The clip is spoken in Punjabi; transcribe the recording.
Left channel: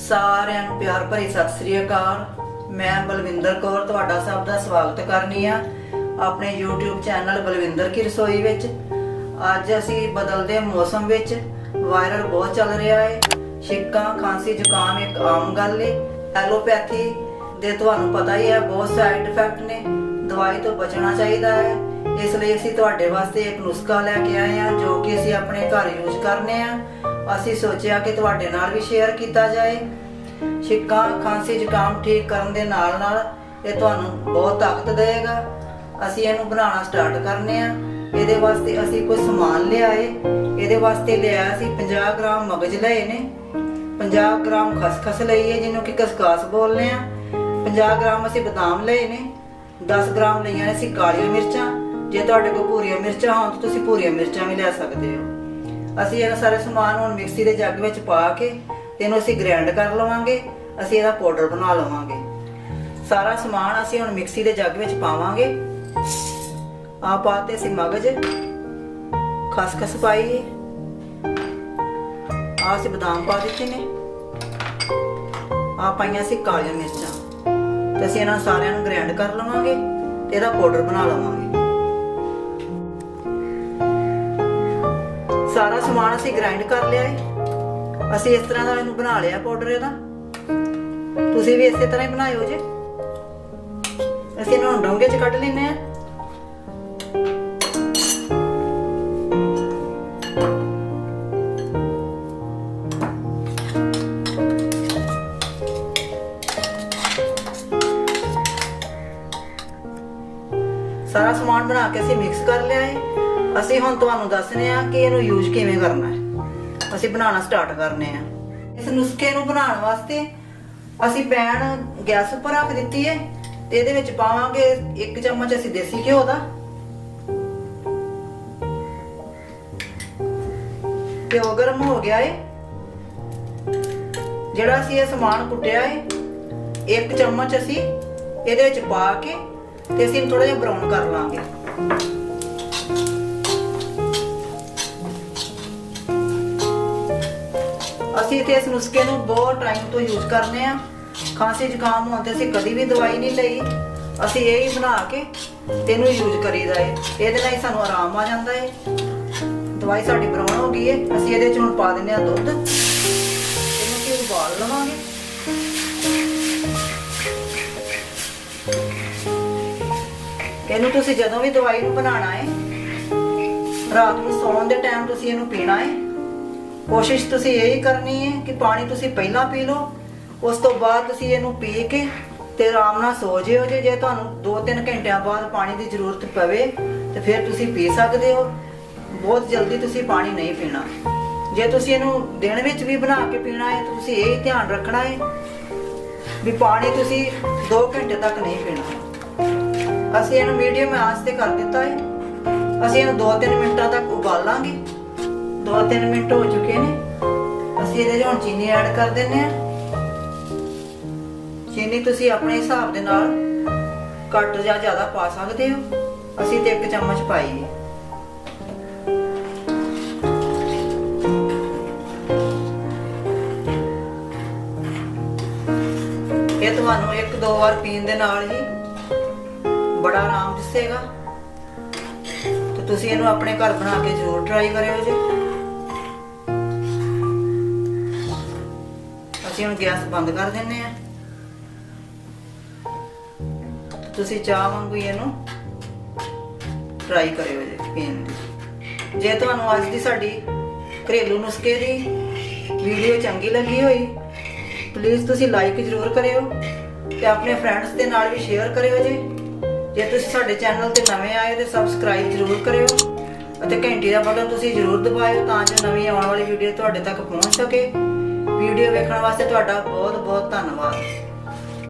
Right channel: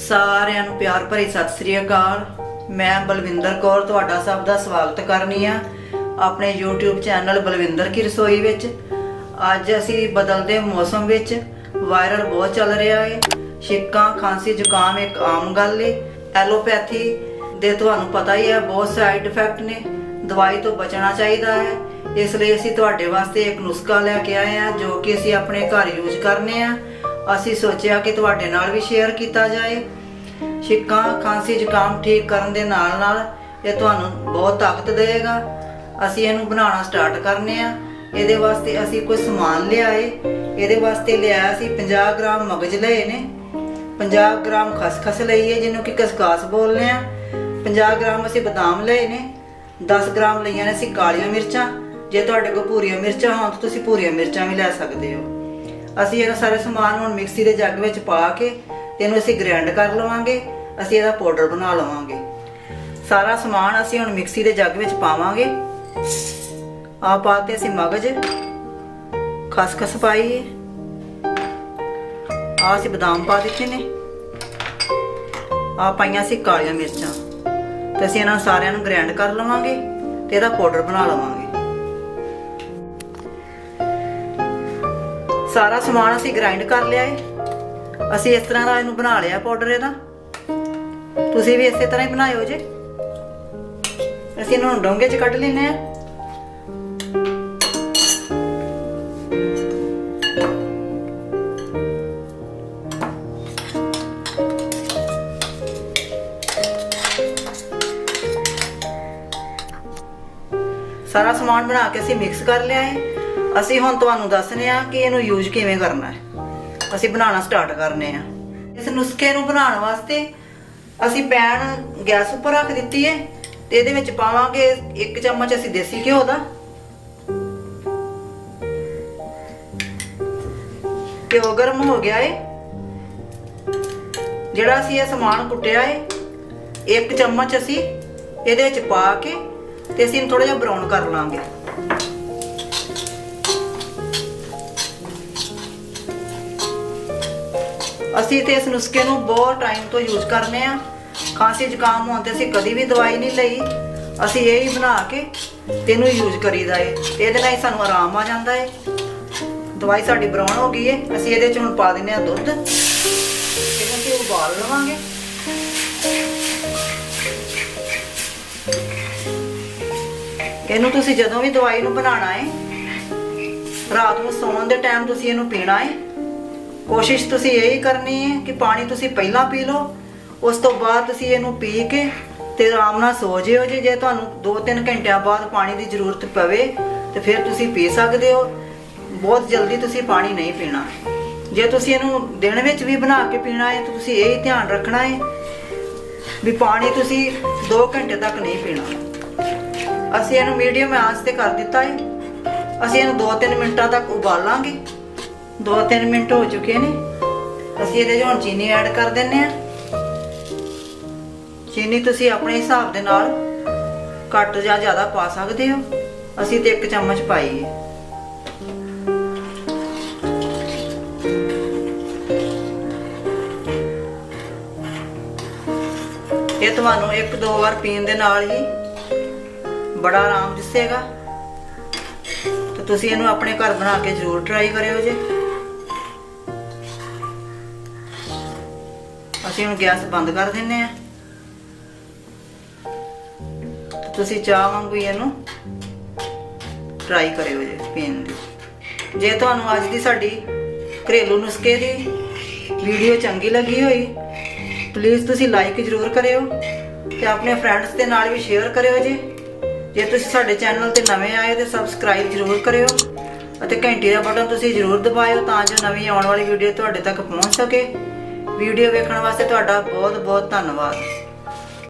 ਸਾਰਿਆਂ ਨੂੰ ਪਿਆਰ ਭਰੀ ਸਤਿ ਸ੍ਰੀ ਅਕਾਲ। ਮੈਂ ਬਲਵਿੰਦਰ ਕੌਰ ਤੁਹਾਡਾ ਸਭ ਦਾ ਸਵਾਗਤ ਕਰਨੀ ਆ ਆਪਣੇ YouTube ਚੈਨਲ ਬਲਵਿੰਦਰ ਕੀ ਰਸੋਈ ਵਿੱਚ। ਅੱਜ ਅਸੀਂ ਬਦਲਦੇ ਮੌਸਮ ਵਿੱਚ ਵਾਇਰਲ ਬਹੁਤ ਚੱਲ ਰਿਹਾ ਹੈ। ਛਿੱਕਾਂ, ਖਾਂਸੀ, ਜ਼ੁਕਾਮ ਇੱਕ ਆਮ ਗੱਲ ਹੈ। ਐਲੋਪੈਥੀ ਦੇ ਤੁਹਾਨੂੰ ਪਤਾ ਹੀ ਹੈ ਬਹੁਤ ਸਾਈਡ ਇਫੈਕਟ ਨੇ। ਦਵਾਈ ਤੋਂ ਬਚਣਾ ਚਾਹੀਦਾ ਹੈ। ਇਸ ਲਈ ਅਸੀਂ ਤੁਹਾਡੇ ਵਾਸਤੇ ਇੱਕ ਨੁਸਖਾ ਲੈ ਕੇ ਆਏ ਹਾਂ ਜੋ ਕਿ ਅਸੀਂ ਆਪਣੇ ਘਰ ਯੂਜ਼ ਕਰਨੇ ਆ। ਅਸੀਂ ਸੋਚਿਆ ਕਿ ਤੁਹਾਡੇ ਨਾਲ ਵੀ ਸ਼ੇਅਰ ਕੀਤਾ ਜਾਏ। ਛਿੱਕਾਂ, ਖਾਂਸੀ, ਜ਼ੁਕਾਮ ਠੀਕ ਕਰਨ ਦੇ ਨਾਲ ਨਾਲ ਇਹ ਤੁਹਾਨੂੰ ਬਹੁਤ ਤਾਕਤ ਦੇਵੇਗਾ। ਅਸੀਂ ਇਹਨੂੰ ਬਣਾਉਣਾ ਸਟਾਰਟ ਕਰਨੇ ਆ। ਇਹਦੇ ਵਾਸਤੇ ਅਸੀਂ ਕੁਝ ਸਮਾਨ ਲਿਆਏ। ਇਹਦੇ ਵਾਸਤੇ ਲਿਆਇਆ ਸੀ 50 ਗ੍ਰਾਮ ਮਗਜ ਲਏ ਨੇ, 50 ਗ੍ਰਾਮ ਖਸਖਸ ਲਈ ਹੈ ਜਿਹਨੂੰ ਕਿ ਕਸਕਾਸ ਬੋਲਦੇ ਆ, 50 ਗ੍ਰਾਮ ਅਸੀਂ ਬਦਾਮ ਲਏ ਨੇ, 10 ਗ੍ਰਾਮ ਲਈਆਂ ਨੇ ਅਸੀਂ ਕਾਲੀਆਂ ਮਿਰਚਾਂ। ਜੇ ਤੁਹਾਡੇ ਕੋਲ ਭੂਰੀਆਂ ਮਿਰਚਾਂ ਹੋਣ ਤਾਂ ਤੁਸੀਂ ਭੂਰੀਆਂ ਮਿਰਚਾਂ ਵੀ ਲੈ ਸਕਦੇ ਹੋ। ਅਸੀਂ ਇਹ ਸਾਰੇ ਸਮਾਨ ਹੁਣ ਮਿਕਸੀ ਦੇ ਜੱਗ ਵਿੱਚ ਪਾ ਕੇ ਇਹਨੂੰ ਅਸੀਂ ਗ੍ਰਾਈਂਡ ਕਰ ਲਵਾਂਗੇ। ਅਸੀਂ ਇਹਦਾ ਪਾਊਡਰ ਬਣਾ ਲਵਾਂਗੇ। ਸਾਰਾ ਸਮਾਨ ਅਸੀਂ ਹੁਣ ਮਿਕਸੀ ਦੇ ਜੱਗ ਵਿੱਚ ਪਾਵਾਂਗੇ। ਆ ਪਾਤੇ ਅਸੀਂ ਮਗਜ, ਖਸਖਸ ਪਾਈ, ਆ ਅਸੀਂ ਬਦਾਮ ਪਾ ਦਿੱਤੇ ਨੇ, ਆ ਪਾਈਆਂ ਅਸੀਂ ਕਾਲੀਆਂ ਮਿਰਚਾਂ। ਤੇ ਅਸੀਂ ਇਹਨਾਂ ਸਾਰਿਆਂ ਨੂੰ ਗ੍ਰਾਈਂਡ ਕਰ ਲਵਾਂਗੇ ਤੇ ਇਹਦਾ ਪਾਊਡਰ ਬਣਾ ਲਵਾਂਗੇ। ਸਾਰਾ ਸਮਾਨ ਅਸੀਂ ਗ੍ਰਾਈਂਡ ਕਰ ਲਿਆ ਹੈ। ਅਸੀਂ ਇਸ ਤਰ੍ਹਾਂ ਦਾ ਇਹਨੂੰ ਬਣਾ ਲਿਆ ਪਾਊਡਰ ਇਹਦਾ। ਤੁਸੀਂ ਵੀ ਇਸੇ ਤਰ੍ਹਾਂ ਹੀ ਬਣਾਇਓ ਜੇ। ਅਸੀਂ ਇਹਨੂੰ ਡੋਂਗੇ 'ਚ ਕੱਢ ਲੈਨੇ ਆ। ਸਾਰਾ ਸਮਾਨ ਬਣਾ ਕੇ ਅਸੀਂ ਮਿਕਸ ਕਰ ਲਿਆ ਹੈ। ਅਸੀਂ ਹੁਣ ਤੁਹਾਨੂੰ ਦੱਸਨੇ ਆ ਕਿ ਇਹਨੂੰ ਯੂਜ਼ ਕਿਵੇਂ ਕਰਨਾ ਹੈ। ਅਸੀਂ ਬਣਾਉਣਾ ਸਟਾਰਟ ਕਰਨੇ ਆ। ਇਸ ਨੁਸਖੇ ਨੂੰ ਬਣਾਉਣ ਵਾਸਤੇ ਅਸੀਂ ਪੈਨ ਗੈਸ ਉੱਪਰ ਰੱਖ ਦਿੱਤੀ ਹੈ ਤੇ ਇਹਦੇ ਵਿੱਚ ਪਾਵਾਂਗੇ 1 ਚਮਚ ਅਸੀਂ ਦੇਸੀ ਘਿਓ ਦਾ। ਘਿਓ ਗਰਮ ਹੋ ਗਿਆ ਹੈ। ਜਿਹੜਾ ਅਸੀਂ ਇਹ ਸਮਾਨ ਕੁੱਟਿਆ ਹੈ 1 ਚਮਚ ਅਸੀਂ ਇਹਦੇ ਵਿੱਚ ਪਾ ਕੇ ਤੇ ਅਸੀਂ ਇਹਨੂੰ ਥੋੜਾ ਜਿਹਾ ਬਰਾਊਨ ਕਰ ਲਾਂਗੇ। ਅਸੀਂ ਤੇ ਇਸ ਨੁਸਖੇ ਨੂੰ ਬਹੁਤ ਟਾਈਮ ਤੋਂ ਯੂਜ਼ ਕਰਨੇ ਆ। ਖਾਂਸੀ ਜ਼ੁਕਾਮ ਹੋਣ ਤੇ ਅਸੀਂ ਕਦੀ ਵੀ ਦਵਾਈ ਨਹੀਂ ਲਈ। ਅਸੀਂ ਇਹ ਹੀ ਬਣਾ ਕੇ ਤੈਨੂੰ ਯੂਜ਼ ਕਰੀਦਾ ਏ। ਇਹਦੇ ਨਾਲ ਹੀ ਸਾਨੂੰ ਆਰਾਮ ਆ ਜਾਂਦਾ ਏ। ਦਵਾਈ ਸਾਡੀ ਬਰਾਊਨ ਹੋ ਗਈ ਏ। ਅਸੀਂ ਇਹਦੇ 'ਚ ਹੁਣ ਪਾ ਦਿੰਨੇ ਆ ਦੁੱਧ। ਇਹਨੂੰ ਅਸੀਂ ਉਬਾਲ ਲਵਾਂਗੇ। ਇਹਨੂੰ ਤੁਸੀਂ ਜਦੋਂ ਵੀ ਦਵਾਈ ਨੂੰ ਬਣਾਉਣਾ ਏ, ਰਾਤ ਨੂੰ ਸੌਣ ਦੇ ਟਾਈਮ ਤੁਸੀਂ ਇਹਨੂੰ ਪੀਣਾ ਏ। ਕੋਸ਼ਿਸ਼ ਤੁਸੀਂ ਇਹੀ ਕਰਨੀ ਹੈ ਕਿ ਪਾਣੀ ਤੁਸੀਂ ਪਹਿਲਾਂ ਪੀ ਲਓ, ਉਸ ਤੋਂ ਬਾਅਦ ਤੁਸੀਂ ਇਹਨੂੰ ਪੀ ਕੇ ਤੇ ਆਰਾਮ ਨਾਲ ਸੋ ਜਿਓ। ਜੇ ਤੁਹਾਨੂੰ 2-3 ਘੰਟਿਆਂ ਬਾਅਦ ਪਾਣੀ ਦੀ ਜ਼ਰੂਰਤ ਪਵੇ ਤੇ ਫਿਰ ਤੁਸੀਂ ਪੀ ਸਕਦੇ ਹੋ। ਬਹੁਤ ਜਲਦੀ ਤੁਸੀਂ ਪਾਣੀ ਨਹੀਂ ਪੀਣਾ। ਜੇ ਤੁਸੀਂ ਇਹਨੂੰ ਦਿਨ ਵਿੱਚ ਵੀ ਬਣਾ ਕੇ ਪੀਣਾ ਹੈ ਤਾਂ ਤੁਸੀਂ ਇਹ ਹੀ ਧਿਆਨ ਰੱਖਣਾ ਹੈ ਵੀ ਪਾਣੀ ਤੁਸੀਂ 2 ਘੰਟੇ ਤੱਕ ਨਹੀਂ ਪੀਣਾ। ਅਸੀਂ ਇਹਨੂੰ ਮੀਡੀਅਮ ਆਂਚ ਤੇ ਕਰ ਦਿੱਤਾ ਹੈ। ਅਸੀਂ ਇਹਨੂੰ 2-3 ਮਿੰਟਾਂ ਤੱਕ ਉਬਾਲਾਂਗੇ। 2-3 ਮਿੰਟ ਹੋ ਚੁੱਕੇ ਨੇ। ਅਸੀਂ ਇਹਦੇ 'ਚ ਹੁਣ ਚੀਨੀ ਐਡ ਕਰ ਦਿੰਨੇ ਆ। ਚੀਨੀ ਤੁਸੀਂ ਆਪਣੇ ਹਿਸਾਬ ਦੇ ਨਾਲ ਘੱਟ ਜਾਂ ਜ਼ਿਆਦਾ ਪਾ ਸਕਦੇ ਹੋ। ਅਸੀਂ ਤੇ 1 ਚਮਚ ਪਾਈ ਹੈ। ਇਹ ਤੁਹਾਨੂੰ 1-2 ਵਾਰ ਪੀਣ ਦੇ ਨਾਲ ਹੀ ਬੜਾ ਆਰਾਮ ਦਿਸੇਗਾ। ਤੇ ਤੁਸੀਂ ਇਹਨੂੰ ਆਪਣੇ ਘਰ ਬਣਾ ਕੇ ਜ਼ਰੂਰ ਟਰਾਈ ਕਰਿਓ ਜੇ। ਅਸੀਂ ਹੁਣ ਗੈਸ ਬੰਦ ਕਰ ਦਿੰਨੇ ਆ। ਤੁਸੀਂ ਚਾਹ ਵਾਂਗੂ ਇਹਨੂੰ ਟਰਾਈ ਕਰਿਓ ਜੇ ਪੀਣ ਦੀ। ਜੇ ਤੁਹਾਨੂੰ ਅੱਜ ਦੀ ਸਾਡੀ ਘਰੇਲੂ ਨੁਸਖੇ ਦੀ ਵੀਡੀਓ ਚੰਗੀ ਲੱਗੀ ਹੋਈ ਪਲੀਜ਼ ਤੁਸੀਂ ਲਾਈਕ ਜ਼ਰੂਰ ਕਰਿਓ ਤੇ ਆਪਣੇ ਫਰੈਂਡਸ ਦੇ ਨਾਲ ਵੀ ਸ਼ੇਅਰ ਕਰਿਓ ਜੇ। ਜੇ ਤੁਸੀਂ ਸਾਡੇ ਚੈਨਲ ਤੇ ਨਵੇਂ ਆਏ ਤੇ ਸਬਸਕ੍ਰਾਈਬ ਜ਼ਰੂਰ ਕਰਿਓ ਅਤੇ ਘੰਟੀ ਦਾ ਬਟਨ ਤੁਸੀਂ ਜ਼ਰੂਰ ਦਬਾਇਓ ਤਾਂ ਜੋ ਨਵੀਂ ਆਉਣ ਵਾਲੀ ਵੀਡੀਓ ਤੁਹਾਡੇ ਤੱਕ ਪਹੁੰਚ ਸਕੇ। ਵੀਡੀਓ ਵੇਖਣ ਵਾਸਤੇ ਤੁਹਾਡਾ ਬਹੁਤ ਬਹੁਤ ਧੰਨਵਾਦ।